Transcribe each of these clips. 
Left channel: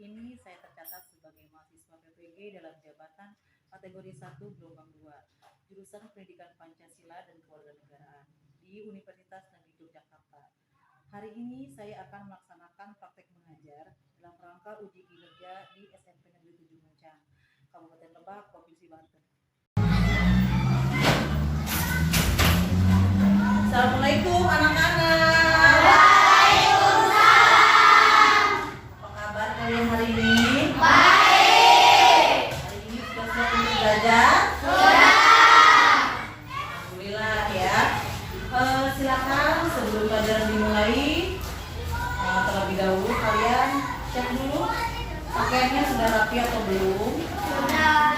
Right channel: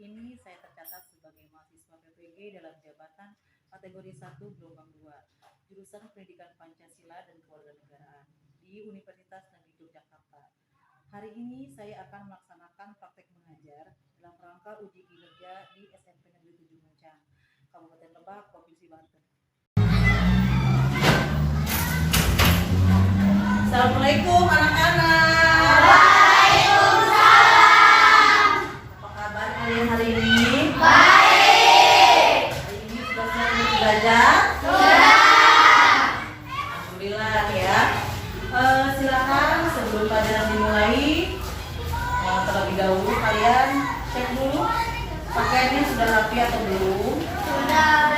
ini saya tercatat sebagai mahasiswa PPG dalam jabatan kategori 1 gelombang 2, jurusan Pendidikan Pancasila dan Kewarganegaraan di Universitas Negeri Yogyakarta. Hari ini saya akan melaksanakan praktek mengajar dalam rangka uji kinerja di SMP Negeri 7 Muncang, Kabupaten Lebak, Provinsi Banten. Assalamualaikum anak-anak. Waalaikumsalam. Apa kabar kalian hari ini? Baik. Hari ini sudah selesai belajar? Sudah. Alhamdulillah ya. Silakan sebelum pelajaran dimulai, terlebih dahulu kalian cek dulu pakaiannya sudah rapi atau belum? Sudah.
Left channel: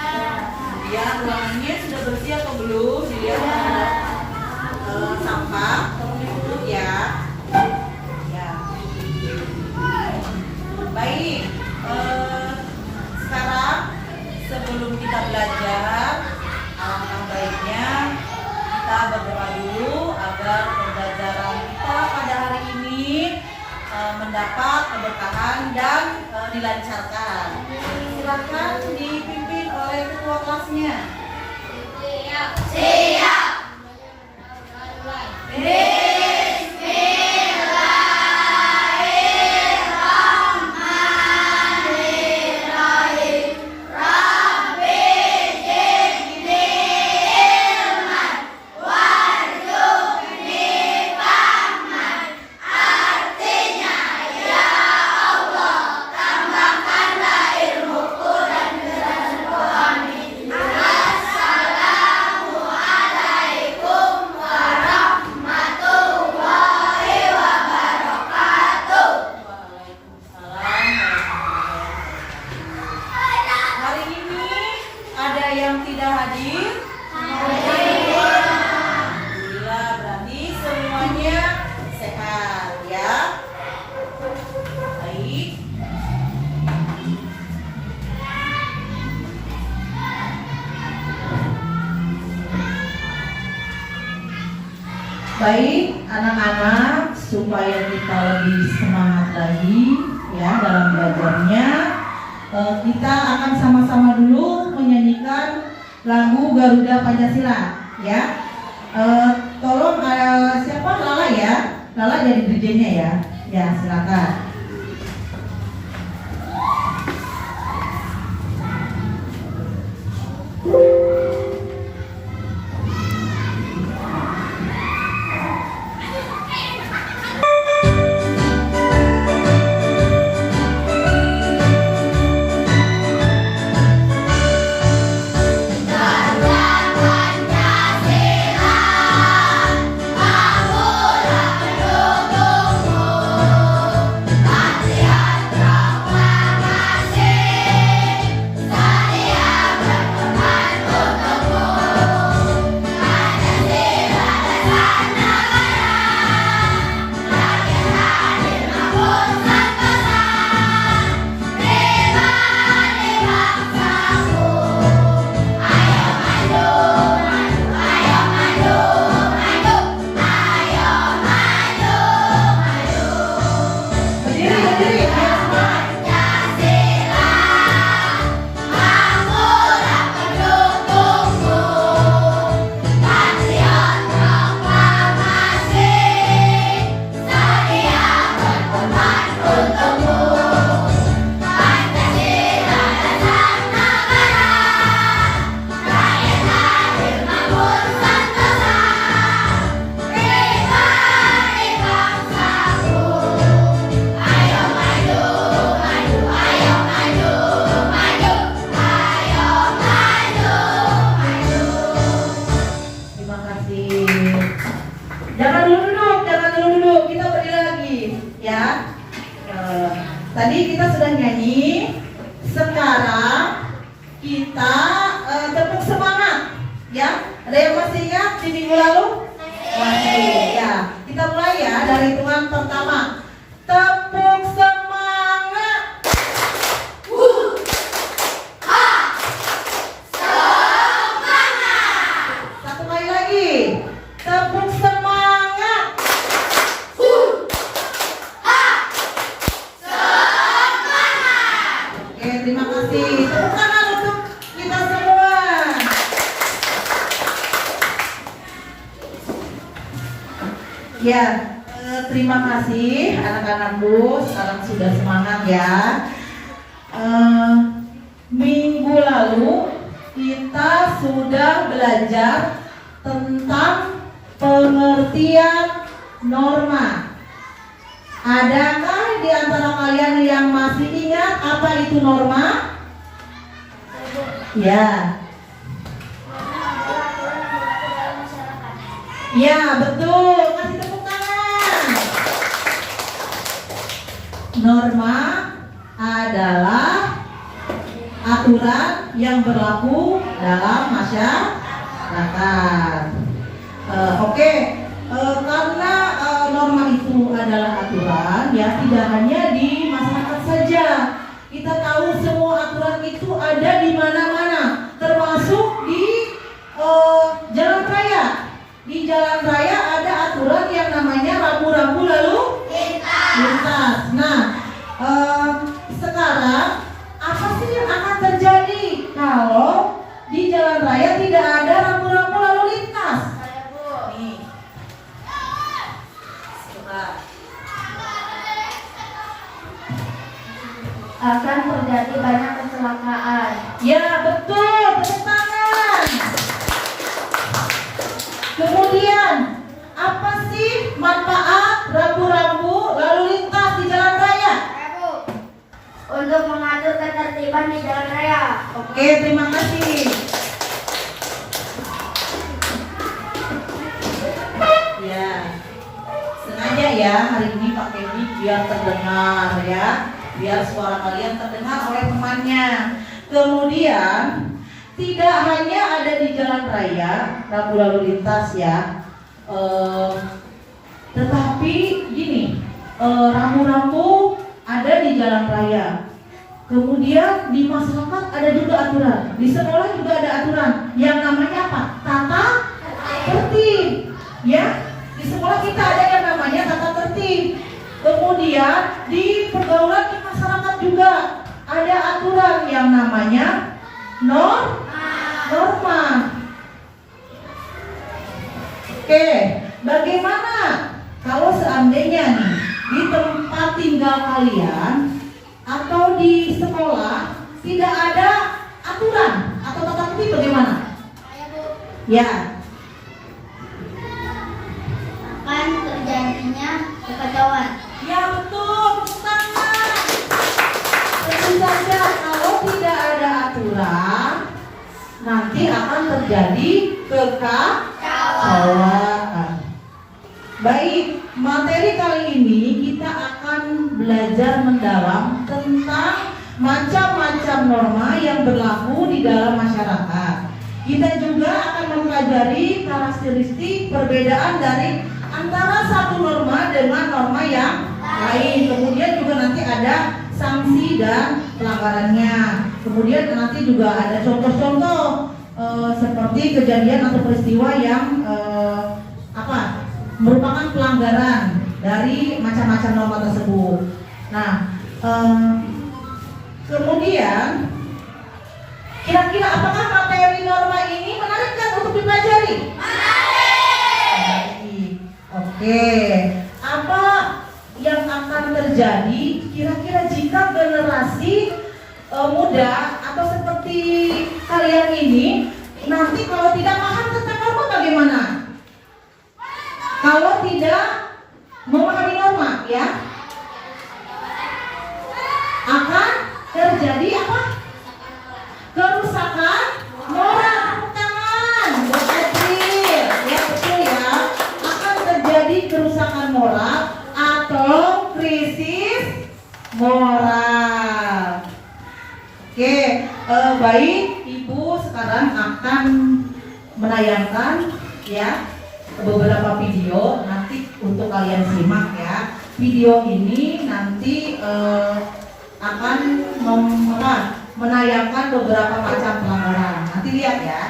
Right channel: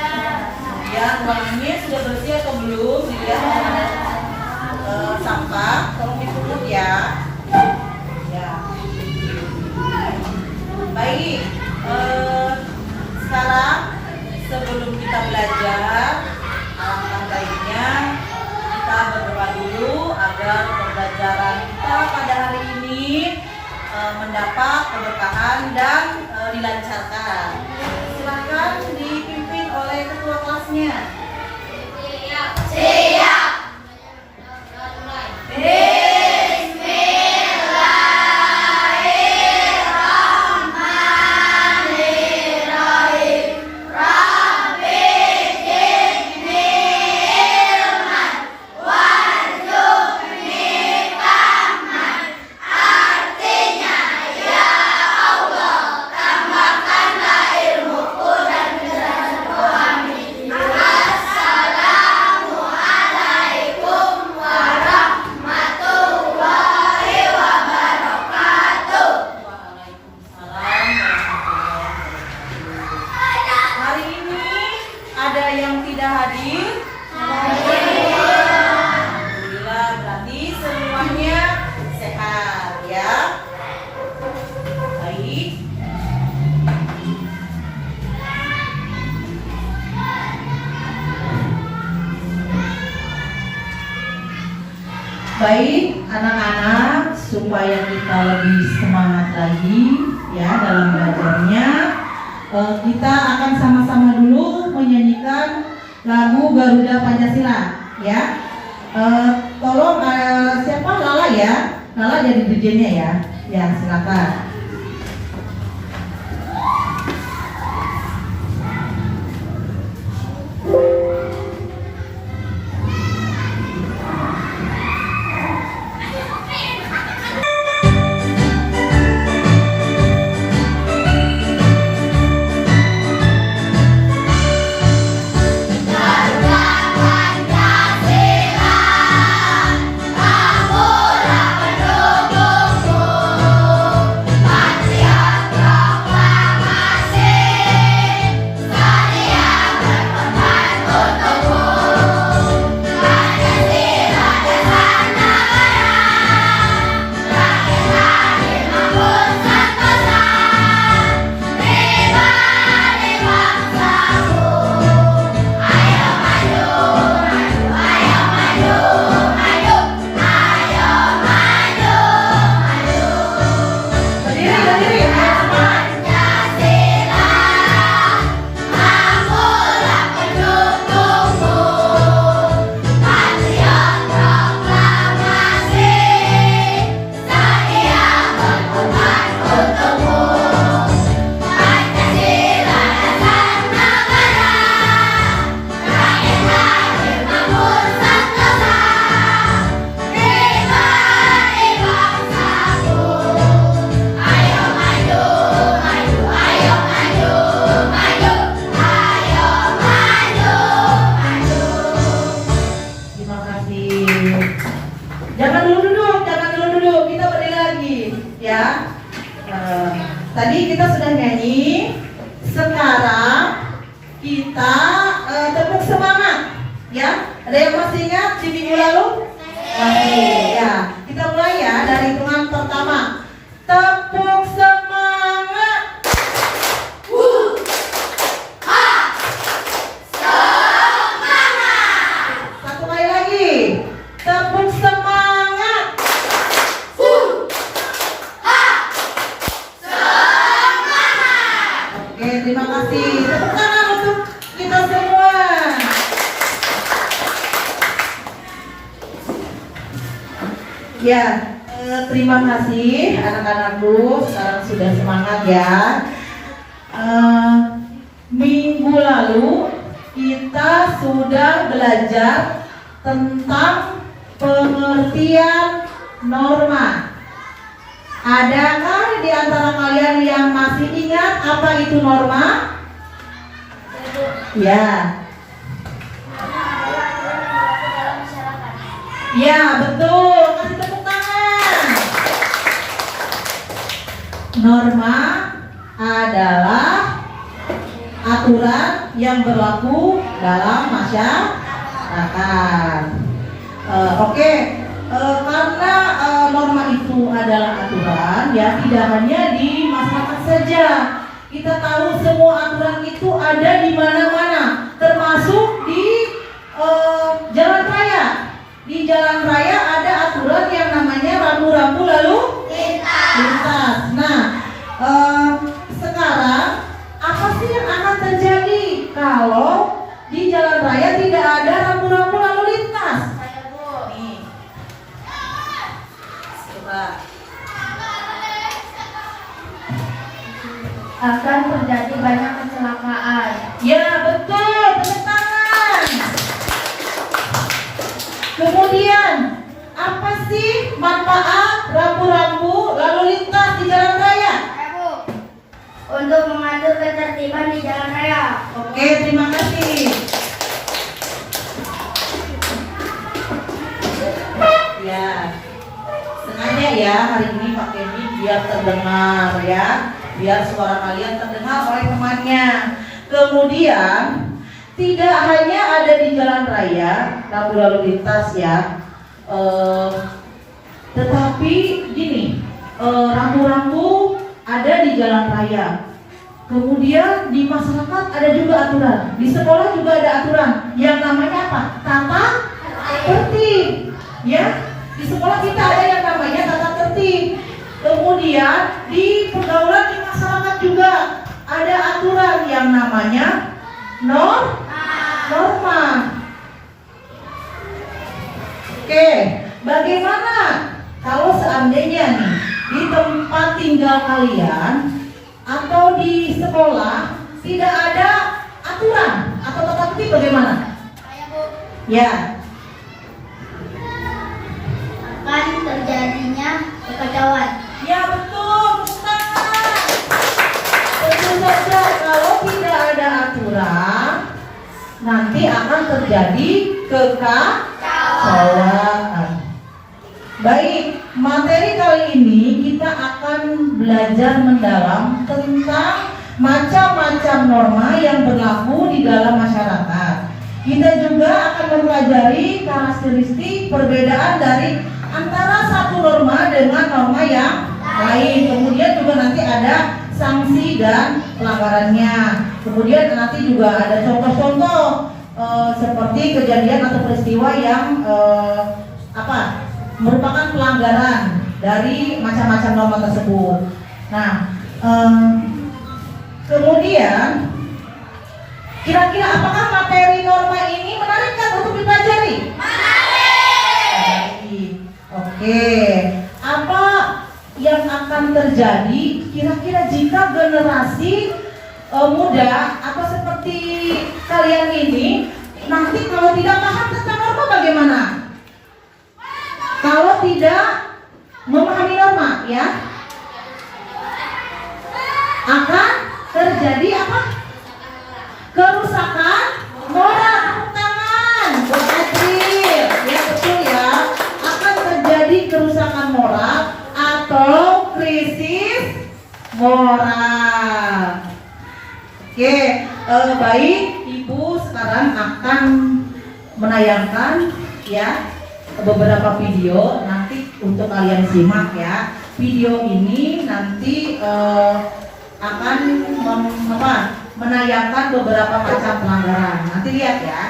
Kemudian ruangannya sudah bersih atau belum? Dilihat sampah, tolong dipungut ya. Ya. Baik. Sekarang sebelum kita belajar, alangkah baiknya kita berdoa dulu agar pembelajaran kita pada hari ini mendapat keberkahan dan dilancarkan. Silakan dipimpin oleh ketua kelasnya. Siap. Ada yang tidak hadir? Alhamdulillah, berarti semuanya sehat ya. Baik. Baik, anak-anak, supaya kita lebih semangat lagi ya dalam belajarnya, kita akan sama-sama dulu menyanyikan lagu Garuda Pancasila ya. Tolong siapa? Lala ya. Lala jadi DJ-nya ya. Ya, silakan. Jangan dulu duduk, kita berdiri lagi ya. Tadi kita sudah nyanyi, sekarang kita tepuk semangat ya. Ada yang masih ingat di minggu lalu? Masih ya. Kita mulai ya dari hitungan pertama. Tepuk semangat. Satu kali lagi. Tepuk semangat. terima kasih. Tepuk tangan untuk kita semua. Ya, terima kasih anak-anakku. Sekarang sudah semangat ya. Minggu lalu kita sudah belajar tentang pengertian norma. Adakah di antara kalian yang masih ingat apa itu norma? Ya. Ya, betul. Kasih tepuk tangan. Norma adalah aturan yang berlaku dalam masyarakat. Karena norma itu adalah aturan, ya tidak hanya di masyarakat saja. Kita tahu semua aturan itu ada di mana-mana, termasuk di jalan raya. Di jalan raya ada aturan yang namanya rambu-rambu lalu lintas. Nah, sekarang apa sih yang akan terjadi kalau di jalan raya tidak ada rambu-rambu lalu lintas? Nih, coba. Akan terjadi banyak kecelakaan. Ya betul, tepuk tangan. Kemudian apa sih manfaat rambu-rambu lalu lintas di jalan raya? Untuk mengatur ketertiban di jalan raya. Oke, terima kasih. Ya, sengaja ya hari ini pakai mic biar terdengar ya, biar suara kalian terdengar oleh temannya. Kemudian tidak hanya ada di jalan raya rambu lalu lintas ya, tetapi gini, rambu-rambu ada di jalan raya. Kemudian di masyarakat ada juga aturan, di sekolah juga ada aturan yang namanya apa? Tata tertib. Ya, di sekolah kita ada yang namanya tata tertib. Kemudian di pergaulan di masyarakat juga ada aturan yang namanya norma. Oke, bagaimana kalau seandainya nih di tempat tinggal kalian atau di sekolah tidak ada aturan atau tata tertib, bagaimana? Ya. Akan terjadinya kekacauan. Ya betul, tepuk tangan. Tentu saja kalau tidak ada aturan nanti akan terjadi kekacauan. Baik, materi kali ini kita akan belajar mendalam tentang macam-macam norma yang berlaku di dalam masyarakat. Kita juga akan mempelajari karakteristik perbedaan dari antara satu norma dengan norma yang lain. Kemudian juga nanti ada sanksi dan pelanggarannya. Kemudian nanti juga ada contoh-contoh seperti kejadian atau peristiwa yang merupakan pelanggaran dari macam-macam norma tersebut. Nah, kemudian kira-kira apakah materi norma ini menarik kan untuk dipelajari? Menarik. Oke. Apa yang akan terjadi kira-kira jika generasi muda atau seperti kalian ini nanti kalau tidak paham tentang norma bagaimana? Kalau tidak memahami norma, ya, akan terjadi apa? Kerusakan moral. Tangan, betul, ya betul ya. Akan terjadi kerusakan moral atau krisis moral. Oke, baik, Ibu sekarang akan menayangkan ya beberapa video nanti untuk kalian simak ya. Video ini nanti akan menayangkan beberapa macam pelanggaran. Nanti lihat ya.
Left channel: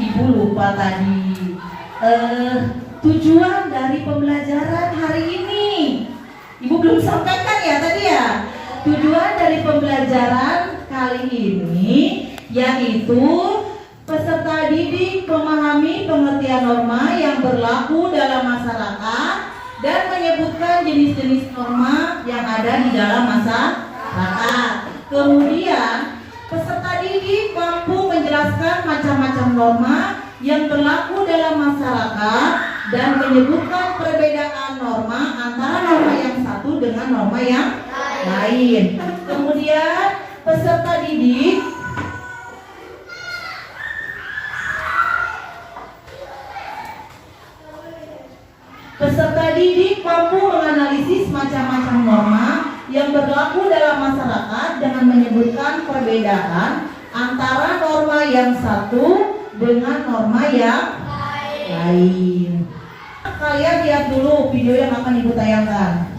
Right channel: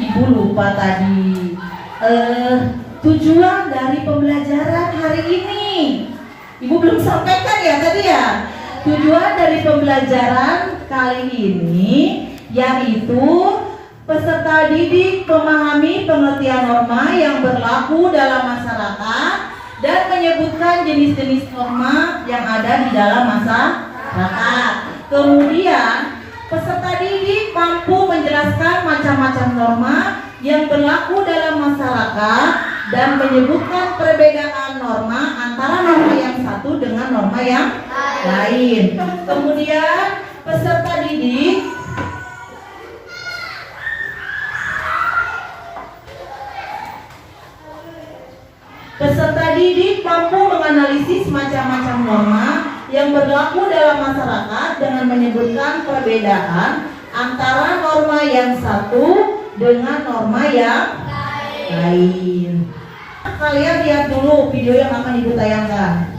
Ibu lupa tadi tujuan dari pembelajaran hari ini. Ibu belum sampaikan ya tadi ya. Tujuan dari pembelajaran kali ini yaitu peserta didik memahami pengertian norma yang berlaku dalam masyarakat dan menyebutkan jenis-jenis norma yang ada di dalam masyarakat. Kemudian peserta didik mampu menjelaskan macam-macam norma yang berlaku dalam masyarakat dan menyebutkan perbedaan norma antara norma yang satu dengan norma yang lain. Kemudian peserta didik mampu menganalisis macam-macam norma yang berlaku dalam masyarakat dengan menyebutkan perbedaan antara norma yang satu dengan norma yang lain. Kalian lihat dulu video yang akan Ibu tayangkan.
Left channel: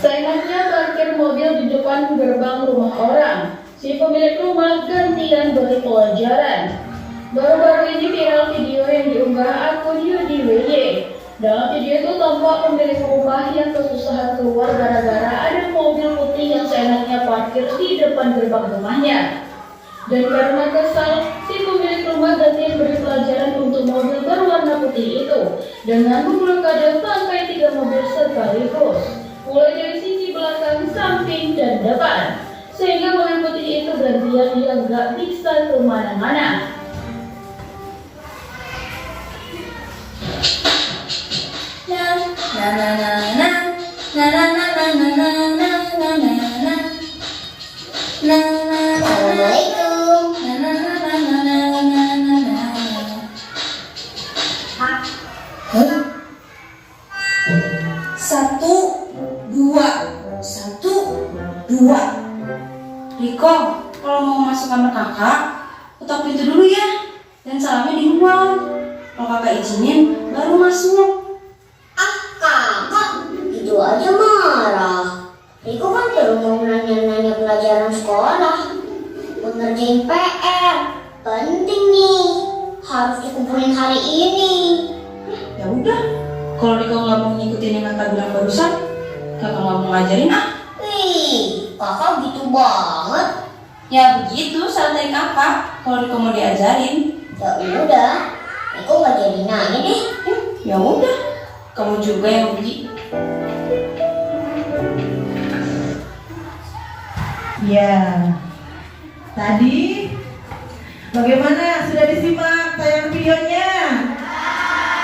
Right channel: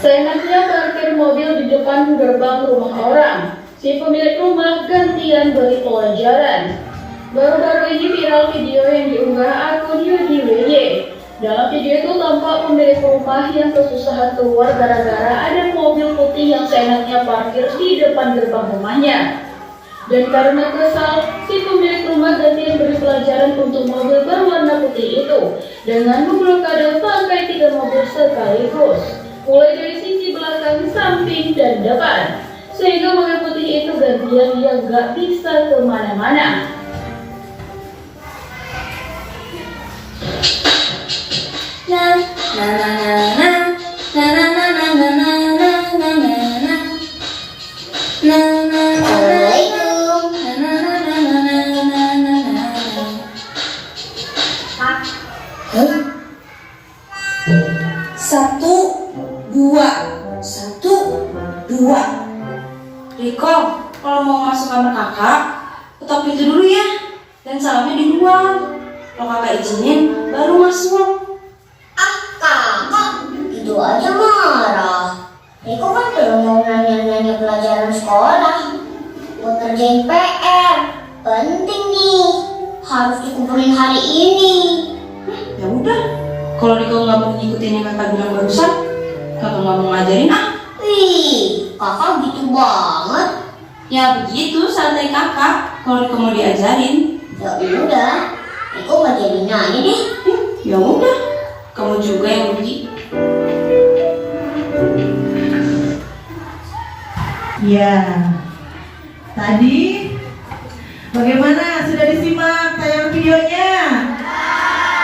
Seenaknya parkir mobil di depan gerbang rumah orang. Si pemilik rumah gantian beri pelajaran. Baru-baru ini viral video yang diunggah akun Yudi WY. Dalam video itu tampak pemilik rumah yang kesusahan keluar gara-gara ada mobil putih yang seenaknya parkir di depan gerbang rumahnya. Dan karena kesal, si pemilik rumah gantian beri pelajaran untuk mobil berwarna putih itu dengan memblokade bangkai 3 mobil sekaligus, mulai dari sisi belakang, samping, dan depan, sehingga mobil putih itu gantian yang gak bisa kemana-mana. Satu, dua. Riko, kalau mau masuk kamar kakak, ketok pintu dulu ya. Dan salamnya di luar. Kalau kakak izinin, baru masuk. Kakak, itu aja marah. Riko kan belum mau nanya-nanya pelajaran sekolah. Buat ngerjain PR. Penting nih. Harus dikumpulin hari ini. Ya udah, kalau Riko nggak mau ngikutin yang kakak bilang barusan, kakak nggak mau ngajarin Wih, kakak gitu banget. Ya begitu, santai kakak. Kalau Riko mau diajarin, Ya udah, Riko nggak jadi nanya deh. ya udah, kamu juga yang pergi. Ya, tadi bagaimana? Sudah disimak tayangan videonya?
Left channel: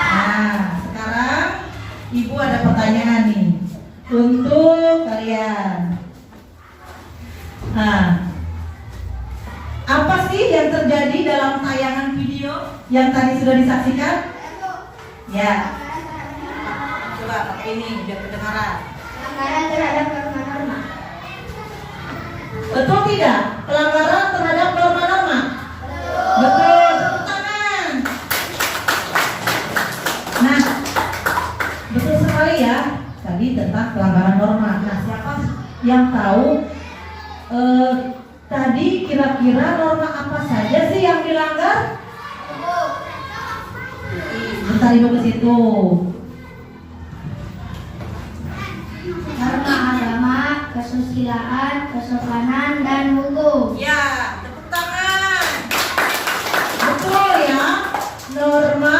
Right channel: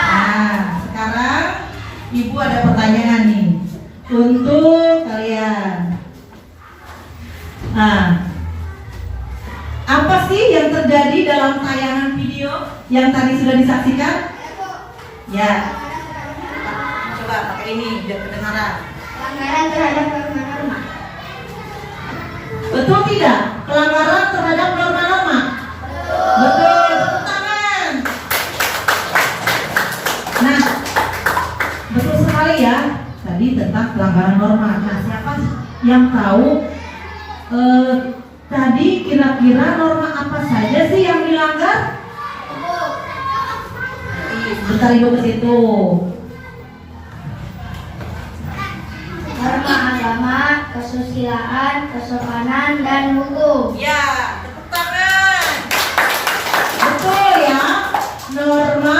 Nah, sekarang Ibu ada pertanyaan nih untuk kalian. Nah, apa sih yang terjadi dalam tayangan video yang tadi sudah disaksikan? Ya, coba pakai ini biar kedengaran. Pelanggaran terhadap norma-norma. Betul tidak? Pelanggaran terhadap norma-norma. Betul, tepuk tangan. Nah, betul sekali ya. Tadi tentang pelanggaran norma. Nah, siapa yang tahu tadi kira-kira norma apa saja sih yang dilanggar? Bentar Ibu ke situ. Norma agama, kesusilaan, kesopanan, dan hukum. Ya, tepuk tangan. Betul ya. Norma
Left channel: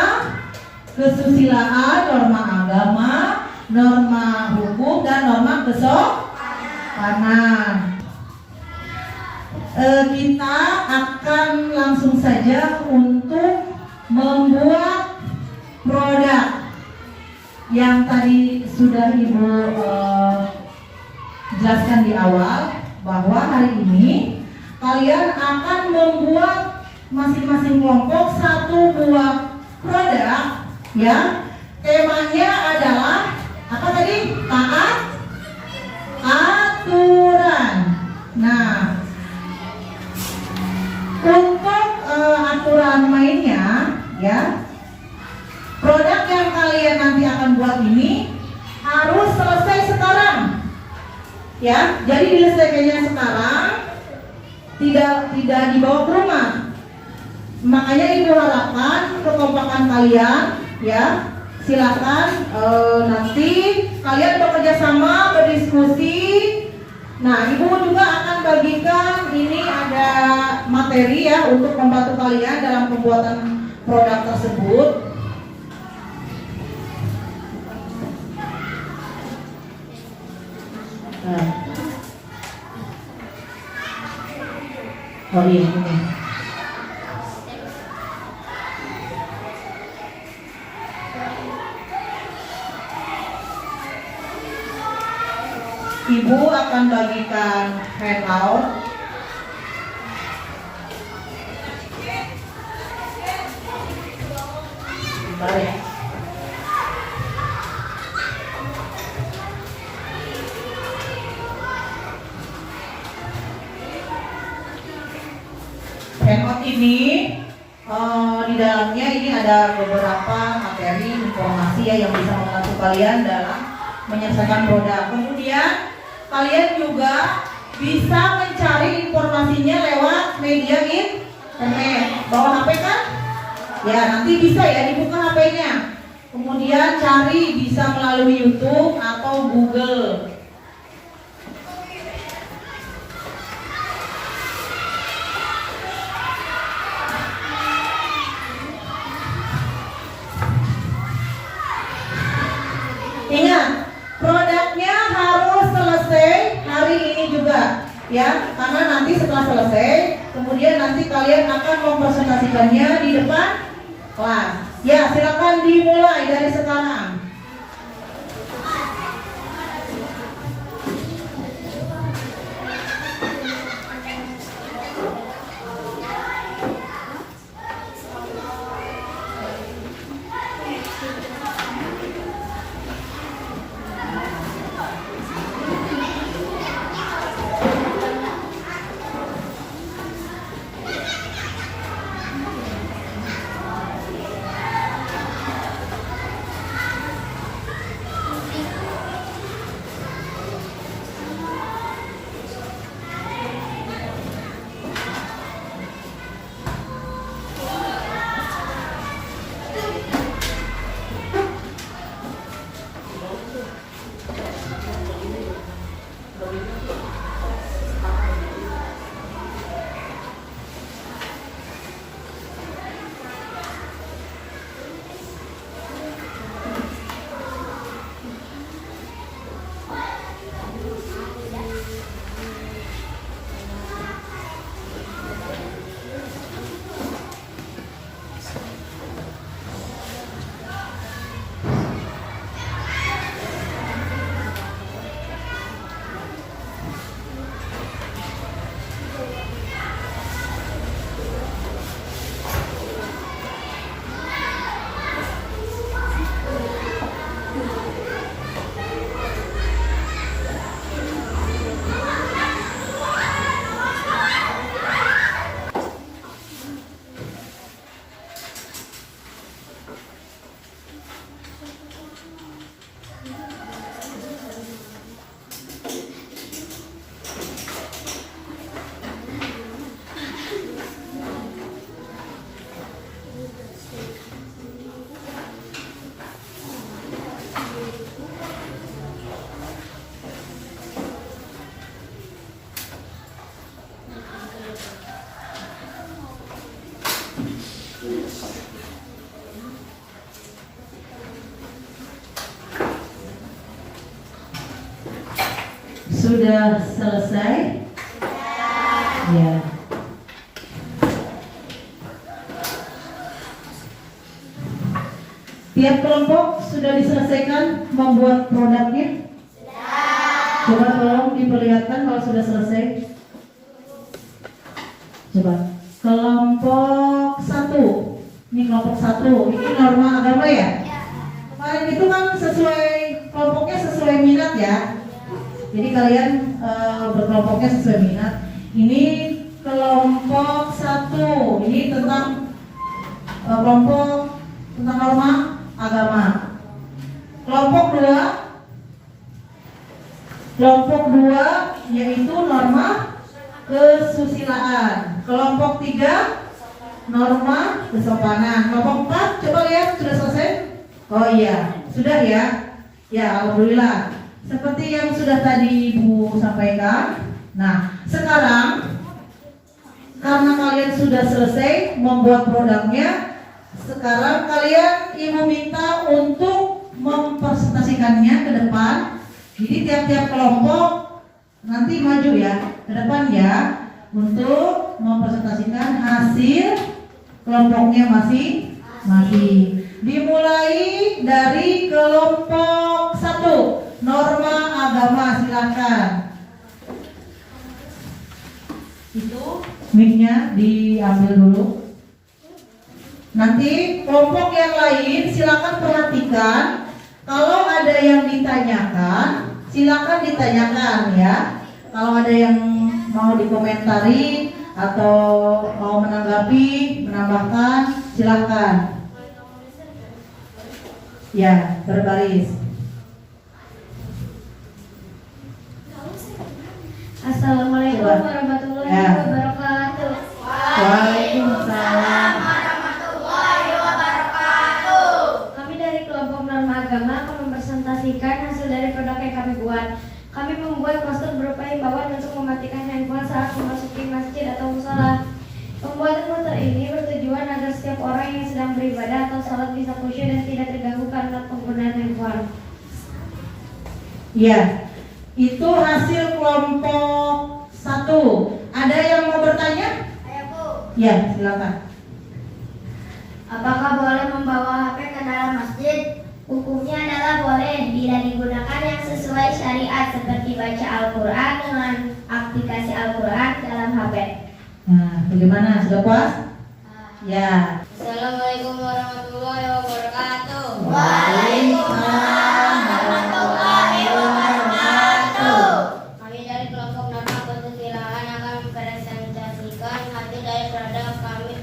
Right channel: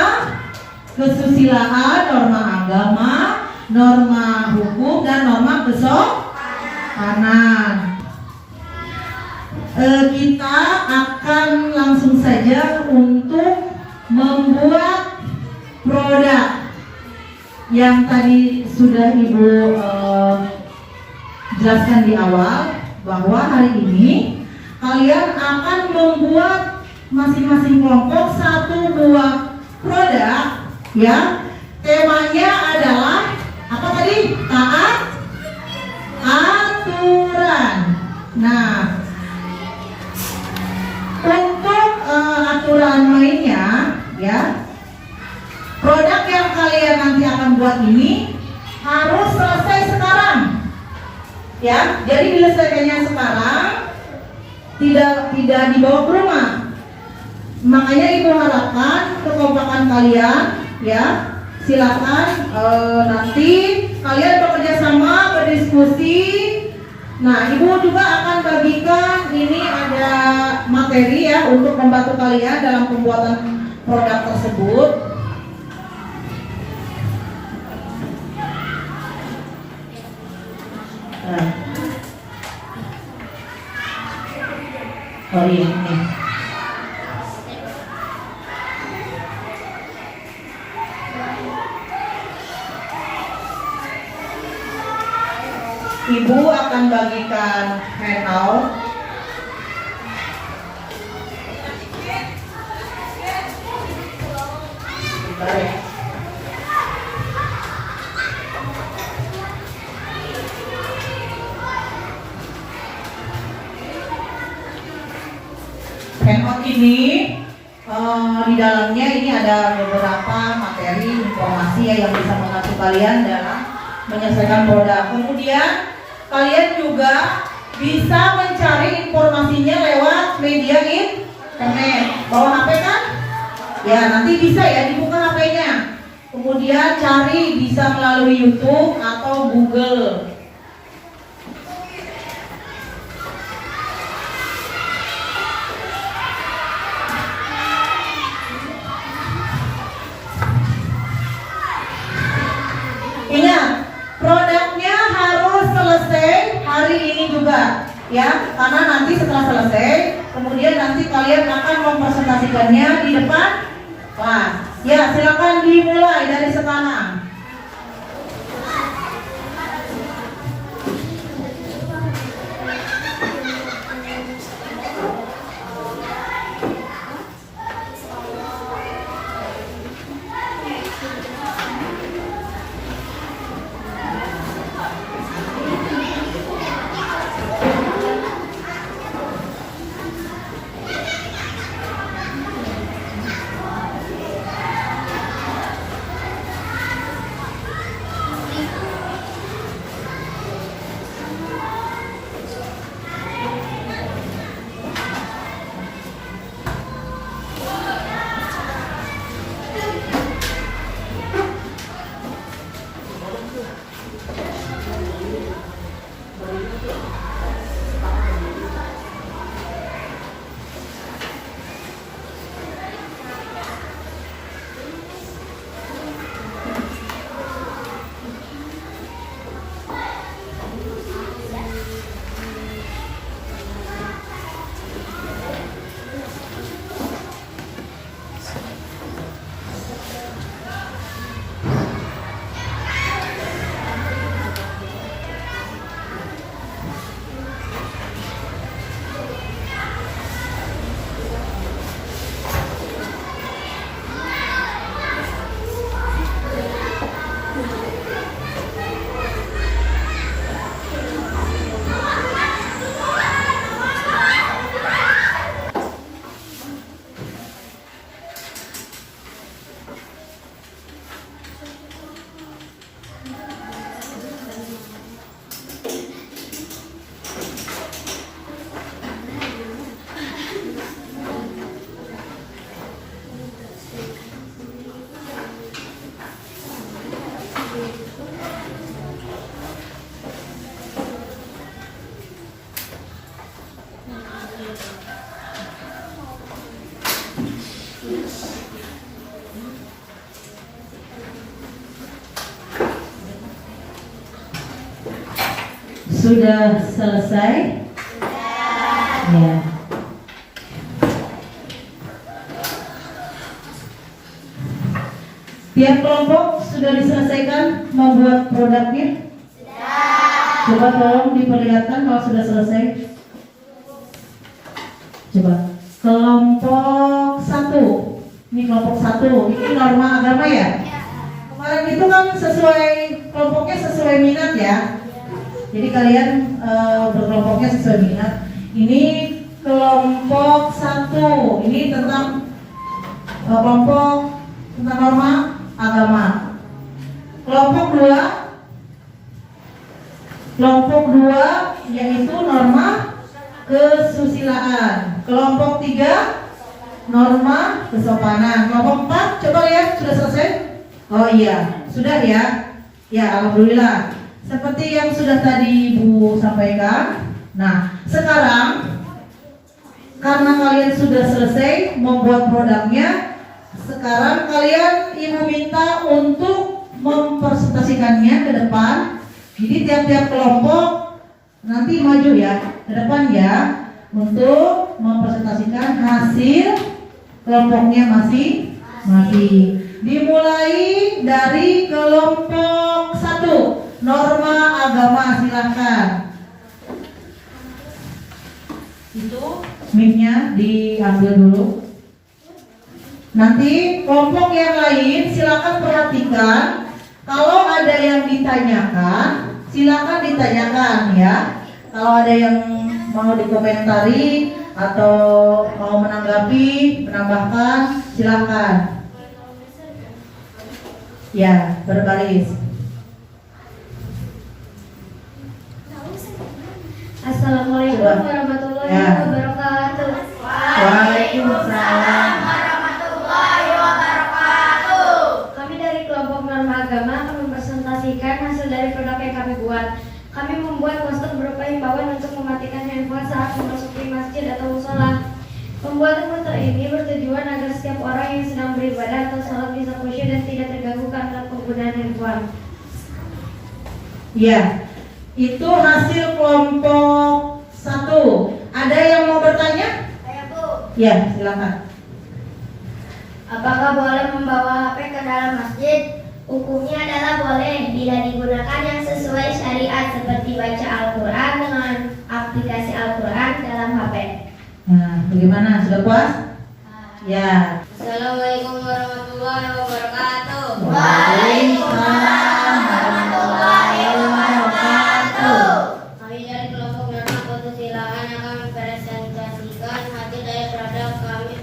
kesusilaan, norma agama, norma hukum, dan norma kesopanan. Kita akan langsung saja untuk membuat produk yang tadi sudah Ibu jelaskan di awal, bahwa hari ini kalian akan membuat masing-masing kelompok satu buah produk, ya. Temanya adalah apa tadi? Taat aturan. Nah, untuk aturan mainnya, ya, produk yang kalian nanti akan buat ini harus selesai sekarang, ya. Jadi diselesaikannya sekarang, tidak dibawa ke rumah. Makanya ibu harapkan kekompakan kalian, ya. Silakan nanti kalian bekerja sama, berdiskusi. Nah, ibu juga akan bagikan ini ada materi ya untuk membantu kalian dalam pembuatan produk tersebut. Nah. Oh iya. Ibu akan bagikan handout. Bentar ya. Handout ini di dalamnya ini ada beberapa materi informasi ya yang bisa membantu kalian dalam menyelesaikan produk. Kemudian kalian juga bisa mencari informasinya lewat media internet. Bawa HP kan? Ya, nanti bisa ya dibuka HP-nya. Kemudian cari bisa melalui YouTube atau Google. Ingat, produknya harus selesai hari ini juga, ya. Karena nanti setelah selesai, kemudian nanti kalian akan mempresentasikannya di depan kelas. Ya, silakan dimulai dari sekarang. Sudah selesai? Ya. Tiap kelompok sudah diselesaikan membuat produknya? Coba tolong diperlihatkan kalau sudah selesai. Coba. kelompok 1. Ini kelompok 1. Ini norma agama ya? Kemarin itu kan sesuai kelompoknya sesuai minat ya. Jadi kalian berkelompoknya sesuai minat. Ini kelompok 1. Ini tentang kelompok tentang norma agama. Kelompok 2 yaitu norma kesusilaan. Kelompok 3 norma kesopanan. Kelompok 4 coba lihat sudah selesai? Oh iya, sudah ya. Ya, alhamdulillah. Seperti yang sudah tadi Ibu sampaikan. Nah, sekarang karena kalian sudah selesai membuat produknya, sekarang kalian Ibu minta untuk mempresentasikannya ke depan. Jadi tiap-tiap kelompok nanti maju ya ke depan ya untuk mempresentasikan hasil kelompoknya masing-masing. Dimulai dari kelompok 1, norma agama, silakan. Itu mic-nya diambil dulu. Nanti kelompok yang lain silakan perhatikan. Kalau ada yang ditanyakan, silakan ditanyakan ya. Kalau ada yang mau dikomentari atau mau menanggapi, menambahkan, silakan. Ya, berbaris. Assalamualaikum Coba. warahmatullahi Ya. wabarakatuh. Waalaikumsalam. Kami dari kelompok norma agama akan mempresentasikan hasil dari produk yang kami buat. Kami membuat poster berupa himbauan untuk mematikan handphone saat memasuki masjid atau musola. Pembuatan poster ini bertujuan agar setiap orang yang sedang beribadah atau sholat bisa khusyuk dan tidak terganggu karena penggunaan handphone. Ya, itu hasil kelompok 1. Ada yang mau bertanya? Saya Bu, Ya, silakan. apakah boleh membawa HP ke dalam masjid? Hukumnya adalah boleh bila digunakan yang sesuai syariat seperti baca Al-Quran dengan aplikasi Al-Quran dalam HP. Nah, bagaimana? Sudah puas? Ya. Assalamualaikum warahmatullahi wabarakatuh. Waalaikumsalam warahmatullahi wabarakatuh. Kami dari kelompok norma kesusilaan akan mempresentasikan hasil dari produk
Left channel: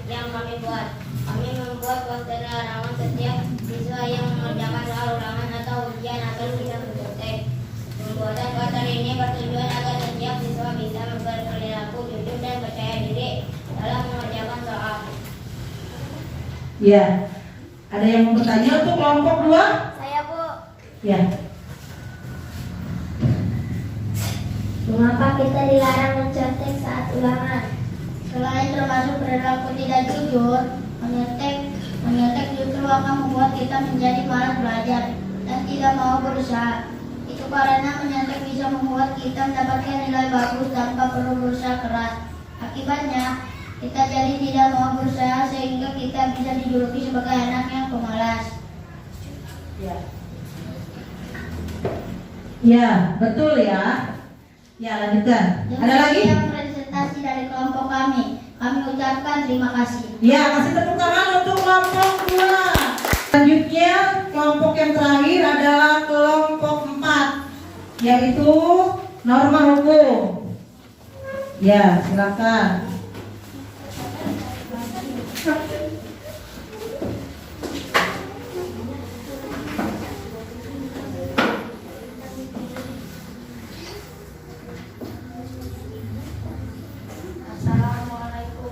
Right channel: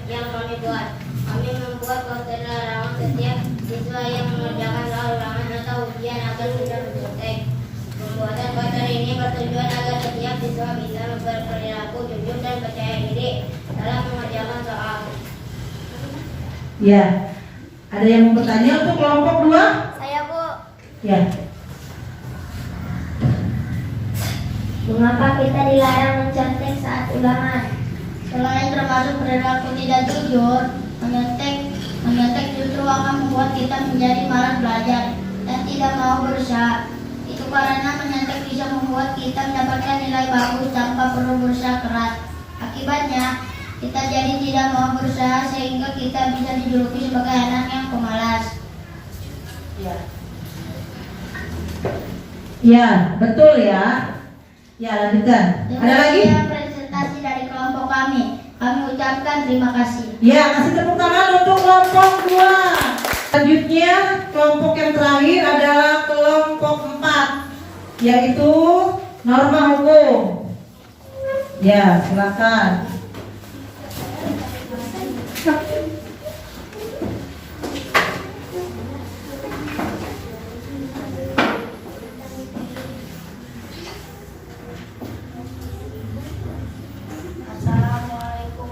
yang kami buat. Kami membuat poster larangan setiap siswa yang mengerjakan soal ulangan atau ujian agar bisa mencontek. Pembuatan poster ini bertujuan agar setiap siswa bisa berperilaku jujur dan percaya diri dalam mengerjakan soal. Ya. Ada yang mau bertanya untuk kelompok 2? Saya Bu. Ya. Mengapa kita dilarang mencontek saat ulangan? Selain termasuk perilaku tidak jujur, menyontek justru akan membuat kita menjadi malas belajar dan tidak mau berusaha. Itu karena menyontek bisa membuat kita mendapatkan nilai bagus tanpa perlu berusaha keras. Akibatnya, kita jadi tidak mau berusaha sehingga kita bisa dijuluki sebagai anak yang pemalas. Ya. Ya, betul ya. Ya, lanjutkan. Ada lagi? Demikian presentasi dari kelompok kami. Kami ucapkan terima kasih. Ya, kasih tepuk tangan untuk kelompok 2. Selanjutnya, kelompok yang terakhir adalah kelompok 4, yaitu norma hukum. Ya, silakan. Assalamualaikum.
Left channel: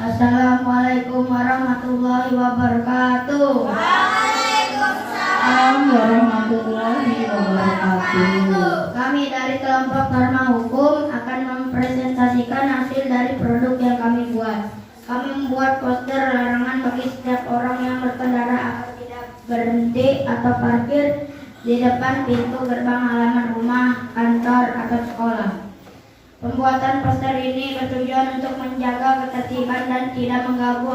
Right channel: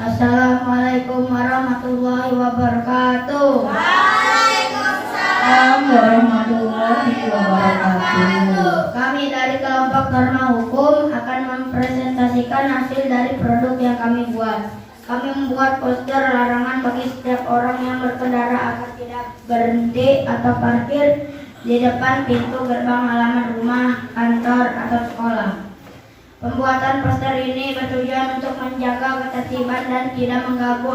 Assalamualaikum warahmatullahi wabarakatuh. Assalamualaikum warahmatullahi wabarakatuh. Kami dari kelompok norma hukum akan mempresentasikan hasil dari produk yang kami buat. Kami membuat poster larangan bagi setiap orang yang berkendara agar tidak berhenti atau parkir di depan pintu gerbang halaman rumah, kantor, atau sekolah. Pembuatan poster ini bertujuan untuk menjaga ketertiban dan tidak mengganggu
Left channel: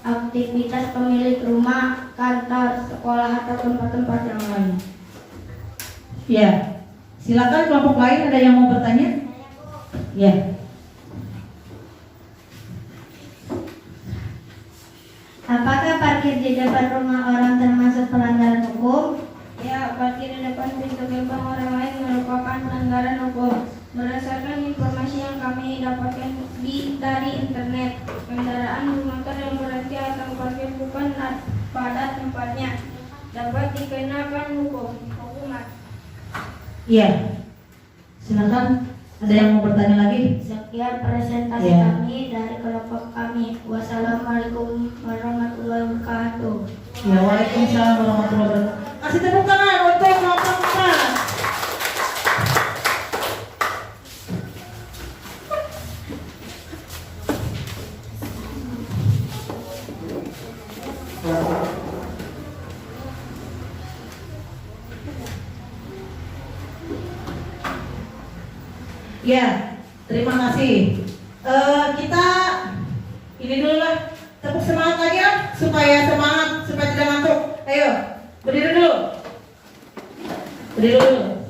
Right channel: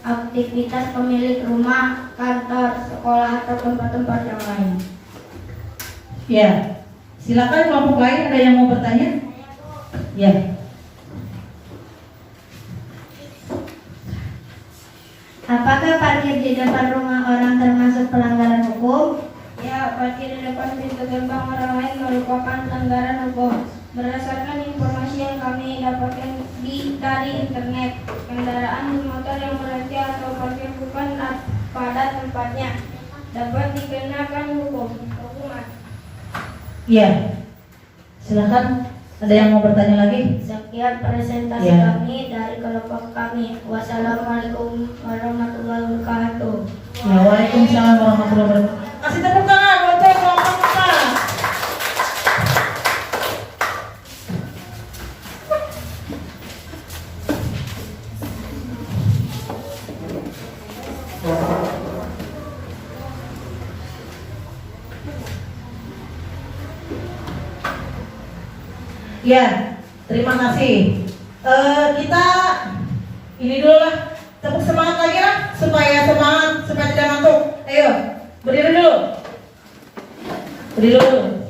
aktivitas pemilik rumah, kantor, sekolah, atau tempat-tempat yang lain. Ya, Silakan kelompok lain, ada yang mau bertanya? Ya. Apakah parkir di depan rumah orang termasuk pelanggaran hukum? Ya, parkir di depan pintu gerbang orang lain merupakan pelanggaran hukum. Berdasarkan informasi yang kami dapatkan dari internet, kendaraan bermotor yang berhenti atau parkir bukan pada tempatnya dapat dikenakan hukuman. Iya. Silakan, ada yang mau bertanya lagi? Sekian presentasi Ya. kami dari kelompok kami. Wassalamualaikum warahmatullahi wabarakatuh. Ya, waalaikumsalam warahmatullahi wabarakatuh. Kasih tepuk tangan untuk kelompok 4. Ya, terima kasih. Kita ini dulu lah, tepuk semangat lagi lah, supaya tidak ngantuk. Ayo, berdiri dulu. Berdiri dulu.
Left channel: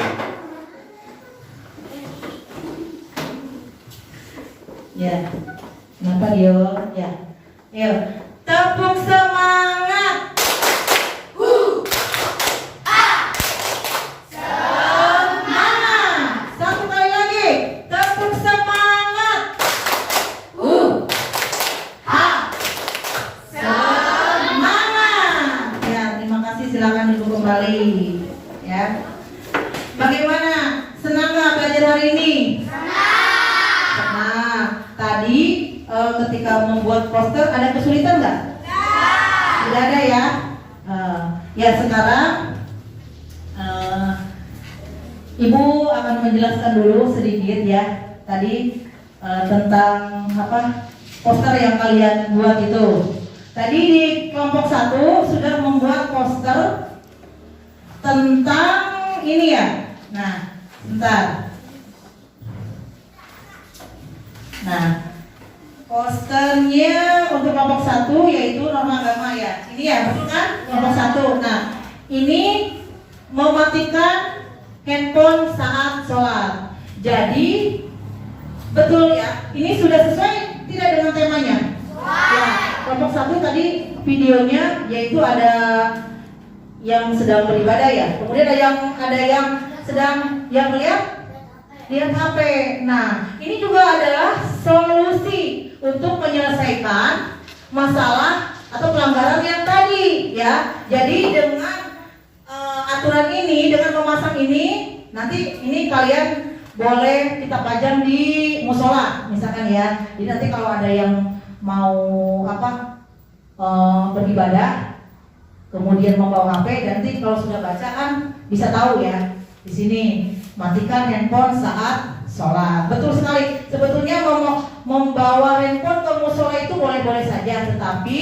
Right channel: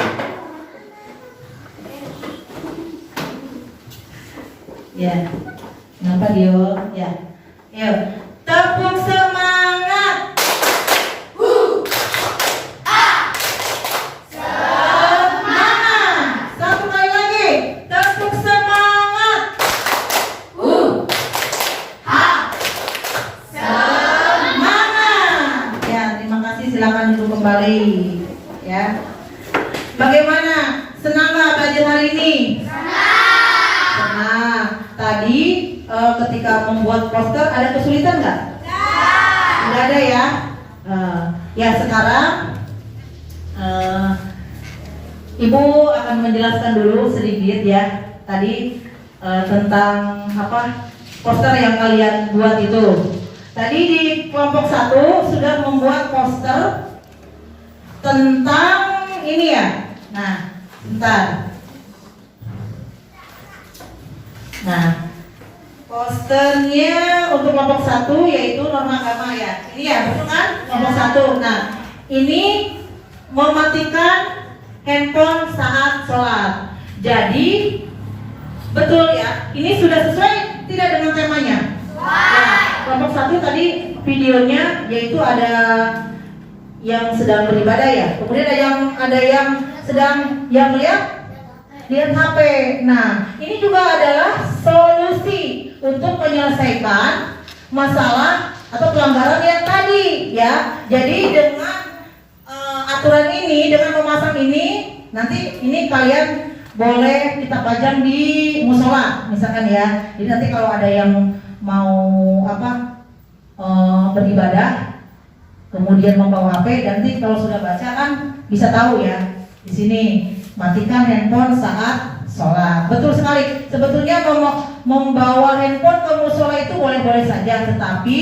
Ya, kenapa Dio? Ya, ayo, tepuk semangat. Satu kali lagi, tepuk semangat. Semangat. Ya, terima kasih. Silakan duduk kembali. Ya. Bagaimana? Senang nggak belajar hari ini? Senang. Tadi ketika membuat poster ada kesulitan nggak? Tidak ada ya. Ya sekarang Ibu akan menjelaskan dulu sedikit ya tadi tentang apa poster yang kalian buat itu. Tadi di kelompok 1 sudah membuat poster tentang ini ya. Nah, bentar. Nah, posternya untuk kelompok 1 yaitu norma agama ya. Ini ya, betul kan? Kelompok 1. Nah, ini mematikan handphone saat sholat. Jadi betul ya, ini sudah sesuai tidak dengan temanya? Ya, kelompok 1 tadi videonya yaitu ada yang sedang beribadah ya. Kemudian ada yang sedang lihat HP. Nah, ini juga adalah solusi untuk menyelesaikan masalah atau pelanggaran yang tadi ya. Jadi dengan aturan ini, dengan memasang ini, nanti ini kalian boleh kita pajang di musola misalkan ya. Jadi nanti kalau ada yang mau beribadah kemudian membawa HP, nanti kalau sudah baca kan bisa tahu ya. Di sini matikan handphone saat sholat. Betul sekali. Sebetulnya membawa handphone ke musola itu boleh-boleh saja, tetapi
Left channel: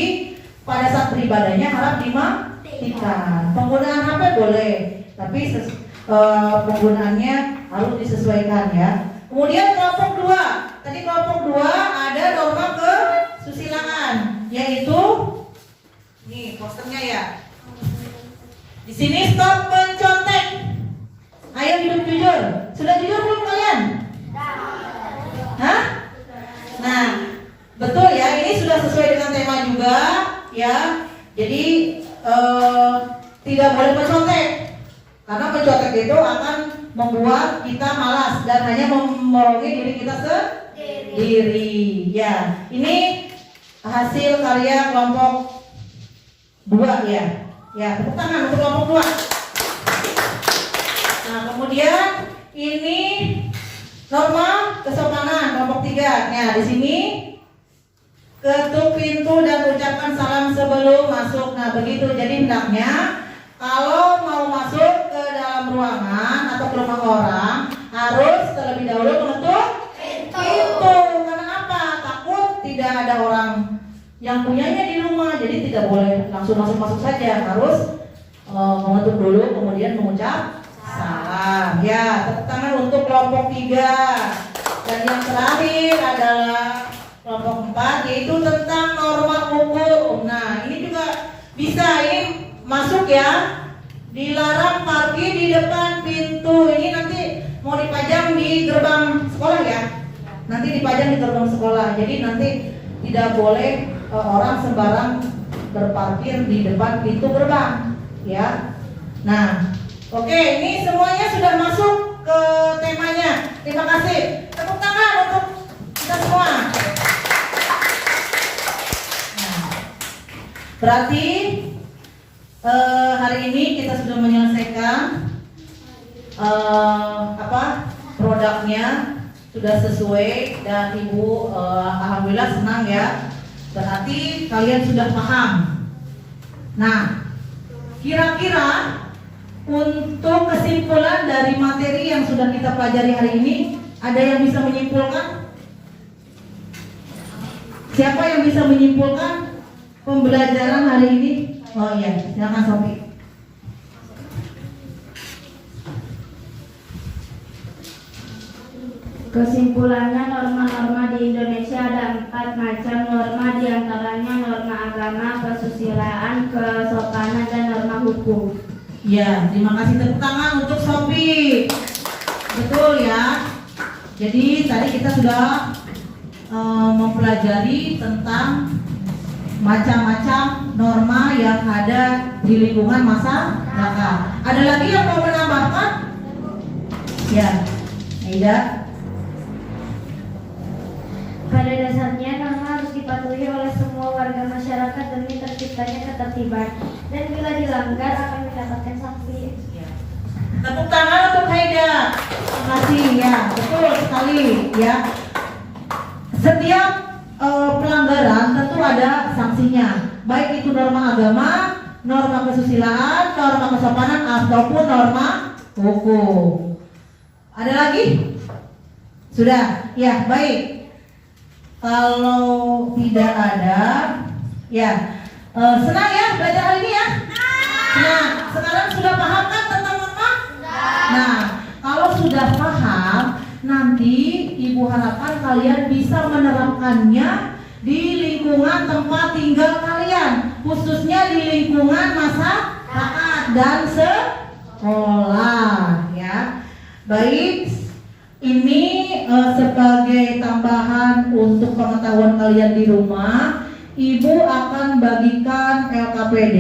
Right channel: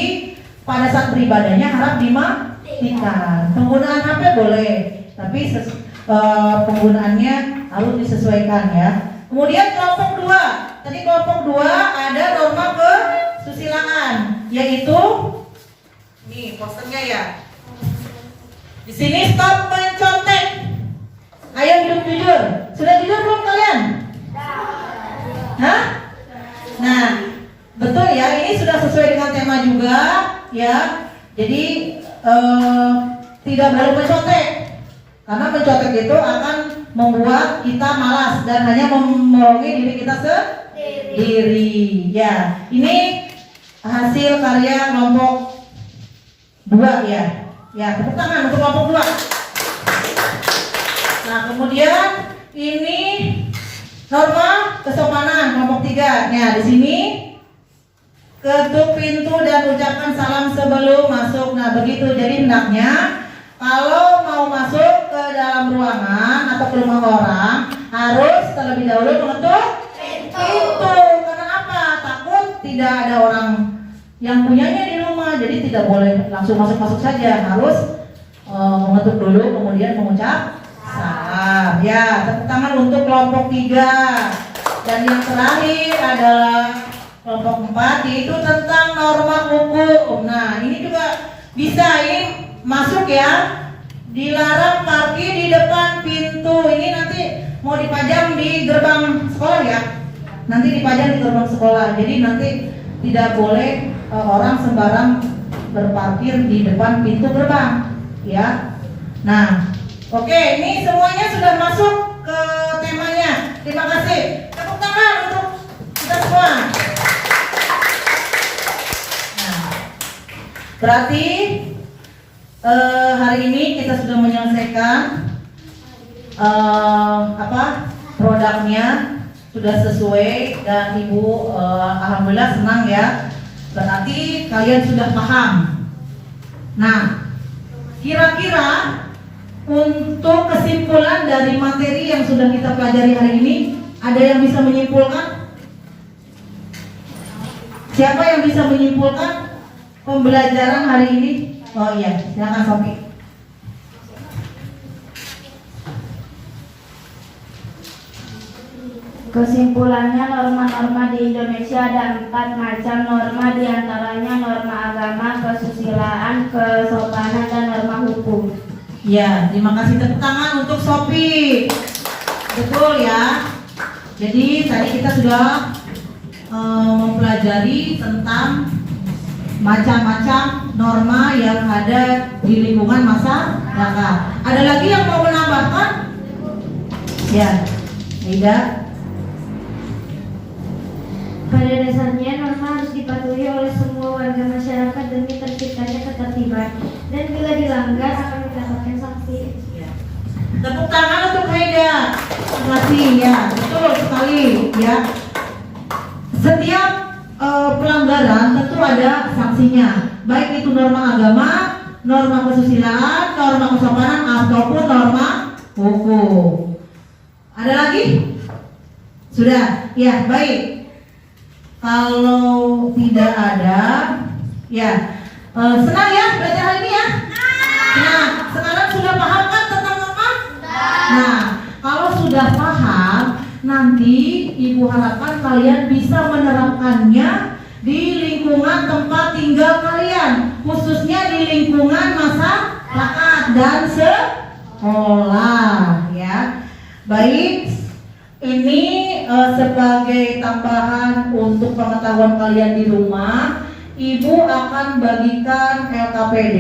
pada saat beribadahnya harap dimatikan. Penggunaan HP boleh, tapi penggunaannya harus disesuaikan ya. Kemudian kelompok 2. Tadi kelompok 2 ada norma kesusilaan, yaitu nih posternya ya. Di sini stop mencontek. Ayo hidup jujur. Sudah jujur belum kalian? Hah? Nah, betul ya. Ini sudah sesuai dengan tema juga ya. Jadi tidak boleh mencontek. Karena mencontek itu akan membuat kita malas dan hanya memorongi diri kita sendiri. Ya, ini hasil karya kelompok 2 ya. Ya, tepuk tangan untuk kelompok 2. Nah, kemudian ini norma kesopanan kelompok 3. Nah, di sini ketuk pintu dan ucapkan salam sebelum masuk. Nah, begitu. Jadi hendaknya kalau mau masuk ke dalam ruangan atau ke rumah orang harus terlebih dahulu mengetuk pintu. Karena apa? Takut tidak ada orang yang punyanya di rumah, jadi tidak boleh langsung masuk saja, harus mengetuk dulu kemudian mengucap salam. Ya, tepuk tangan untuk kelompok 3. Dan yang terakhir adalah kelompok 4, yaitu tentang norma hukum. Nah, ini juga bisa ini masuk ya. Dilarang parkir di depan pintu. Ini nanti mau dipajang di gerbang sekolah ya. Nanti dipajang di gerbang sekolah. Jadi nanti tidak boleh orang sembarang berparkir di depan pintu gerbang, ya. Nah, oke, ini semuanya sudah masuk ke temanya. Terima kasih. Tepuk tangan untuk kita semua. Nah, berarti hari ini kita sudah menyelesaikan produknya sudah sesuai dan Ibu alhamdulillah senang ya. Berarti kalian sudah paham. Nah, kira-kira untuk kesimpulan dari materi yang sudah kita pelajari hari ini, ada yang bisa menyimpulkan? Siapa yang bisa menyimpulkan pembelajaran hari ini? Oh iya, silakan Sofi. Kesimpulannya, norma-norma di Indonesia ada 4 macam norma, diantaranya norma agama, kesusilaan, kesopanan, dan norma hukum. Ya, terima kasih. Tepuk tangan untuk Sofi. Betul ya. Jadi tadi kita sudah mempelajari tentang macam-macam norma yang ada di lingkungan masyarakat. Ada lagi yang mau menambahkan? Ya, Aida. Pada dasarnya, norma harus dipatuhi oleh semua warga masyarakat demi terciptanya ketertiban, dan bila dilanggar akan mendapatkan sanksi. Ya. Tepuk tangan untuk Aida. Terima kasih ya, betul sekali ya. Setiap pelanggaran tentu ada sanksinya, baik itu norma agama, norma kesusilaan, norma kesopanan ataupun norma hukum. Ada lagi? Sudah, ya baik. Kalau tidak ada, ya senang ya belajar hari ini ya. Nah, sekarang sudah paham kan tentang norma? Nah, kalau sudah paham, nanti Ibu harapkan kalian bisa menerapkannya di lingkungan tempat tinggal kalian, khususnya di lingkungan masyarakat dan sekolah, ya. Baik. Ini sebagai tambahan untuk pengetahuan kalian di rumah, Ibu akan bagikan LKPD,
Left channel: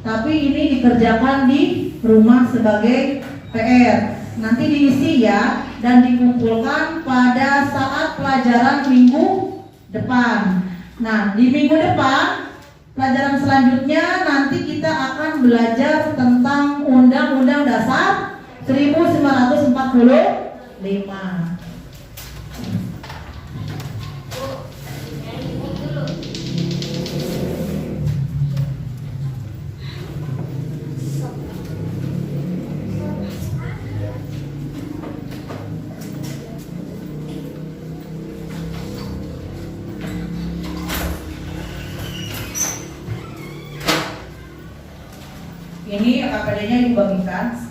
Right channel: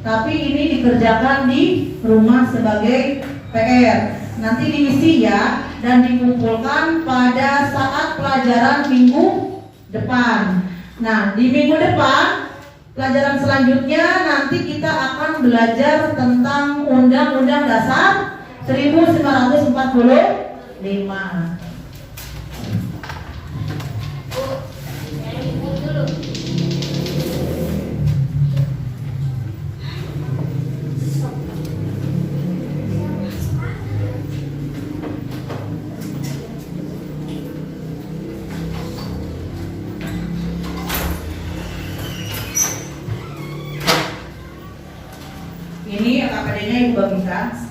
tapi ini dikerjakan di rumah sebagai PR. Nanti diisi ya, dan dikumpulkan pada saat pelajaran minggu depan. Nah, di minggu depan, pelajaran selanjutnya nanti kita akan belajar tentang Undang-Undang Dasar 1945. Ini LKPD-nya Ibu bagikan.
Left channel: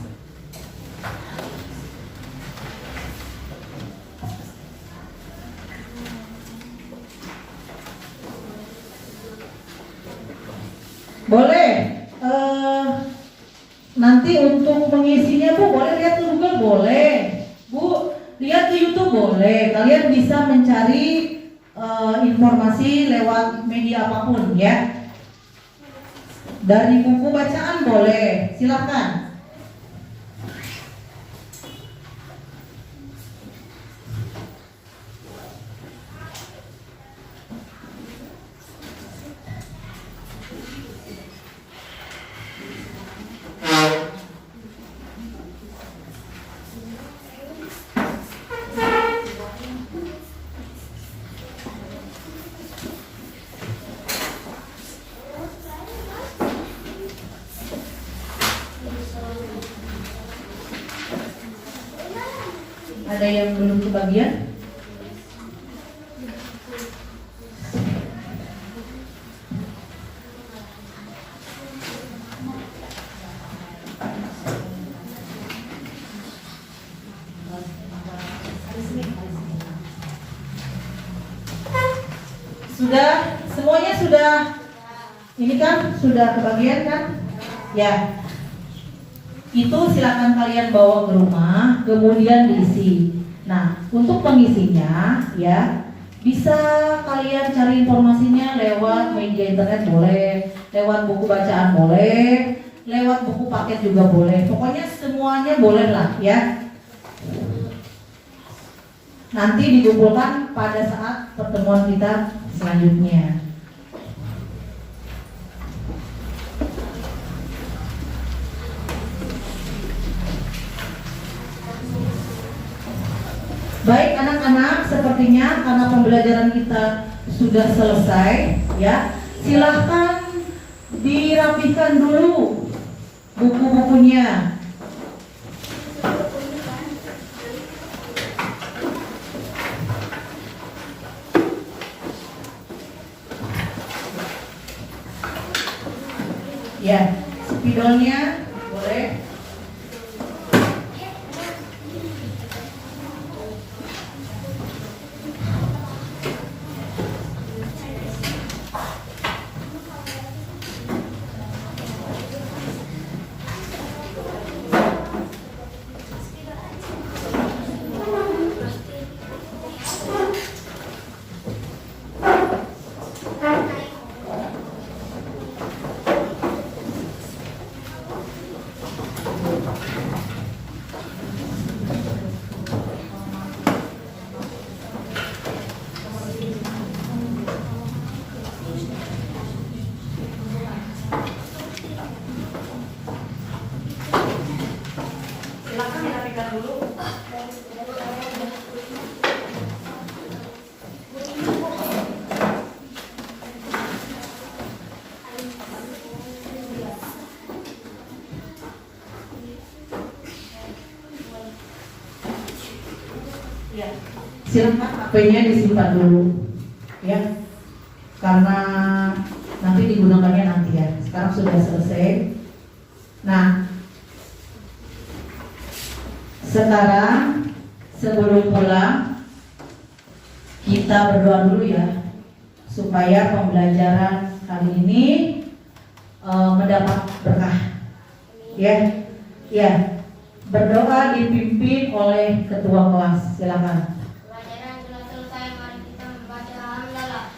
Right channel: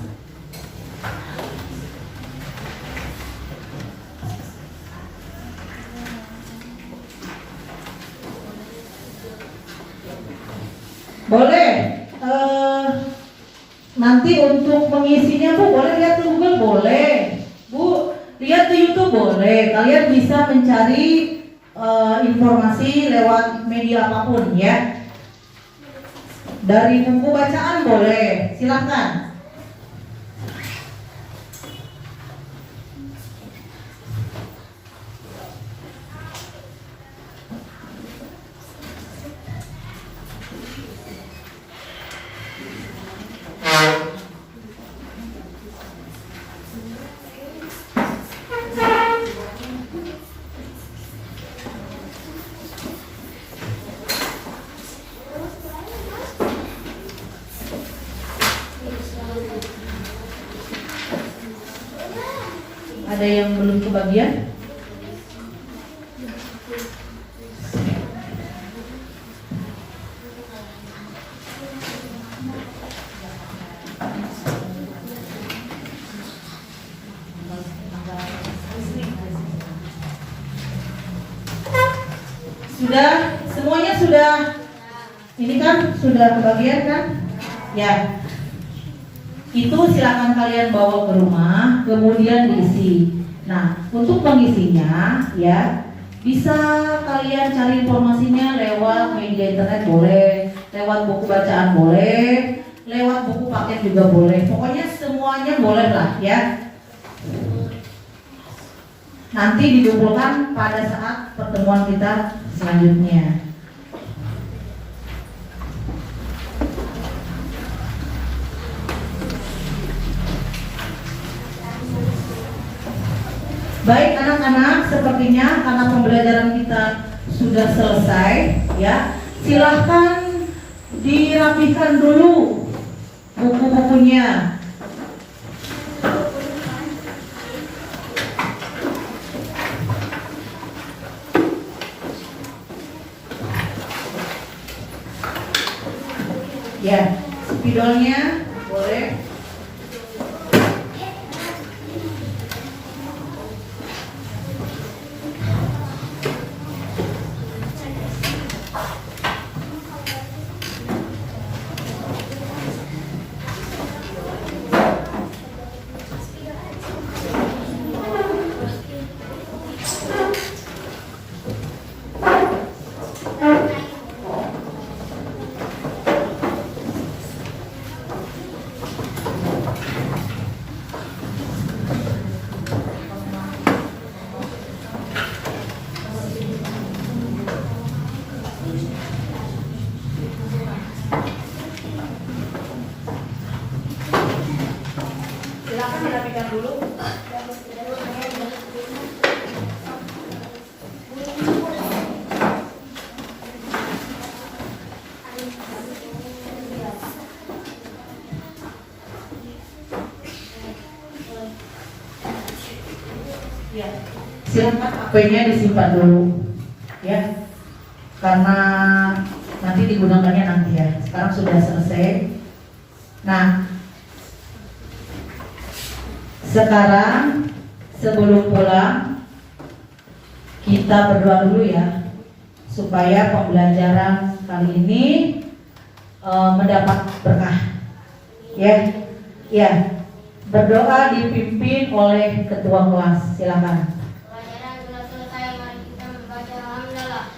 Boleh. Nanti untuk mengisinya Bu boleh lihat ke Google, boleh. Bu lihat ke YouTube, boleh. Kalian bisa mencari informasi lewat media apapun ya. Dari buku bacaan boleh, silahkan. Ada yang belum kebagian? Sudah, semuanya sudah. Ini kan sudah kebagian kan? Ya. itu silakan kalian bawa ke rumah, kemudian diisi. Nah, untuk pengisinya ya bisa kalian cari informasinya lewat media internet boleh, lewat buku bacaan boleh, lewat buku paket juga boleh. Pokoknya semuanya boleh lah ya. Nanti dikumpulkan pada saat pertemuan kita selanjutnya. Baik anak-anak, sepertinya karena pembelajaran kita sudah selesai ya. Silahkan dirapihkan dulu buku-bukunya. Ya, spidolnya boleh. Silahkan dirapikan dulu. Ya, silakan HP-nya disimpan dulu, ya, karena nanti digunakannya nanti ya. Sekarang sudah selesai. Nah, sekarang sebelum pulang kita berdoa dulu ya, supaya pembelajaran kali ini mendapat berkah. Ya, ya. Berdoa dipimpin oleh ketua kelas. Silakan. Pelajaran telah selesai, mari kita membaca hamdalah.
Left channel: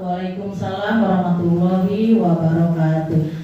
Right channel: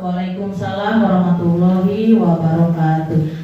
Waalaikumsalam warahmatullahi wabarakatuh.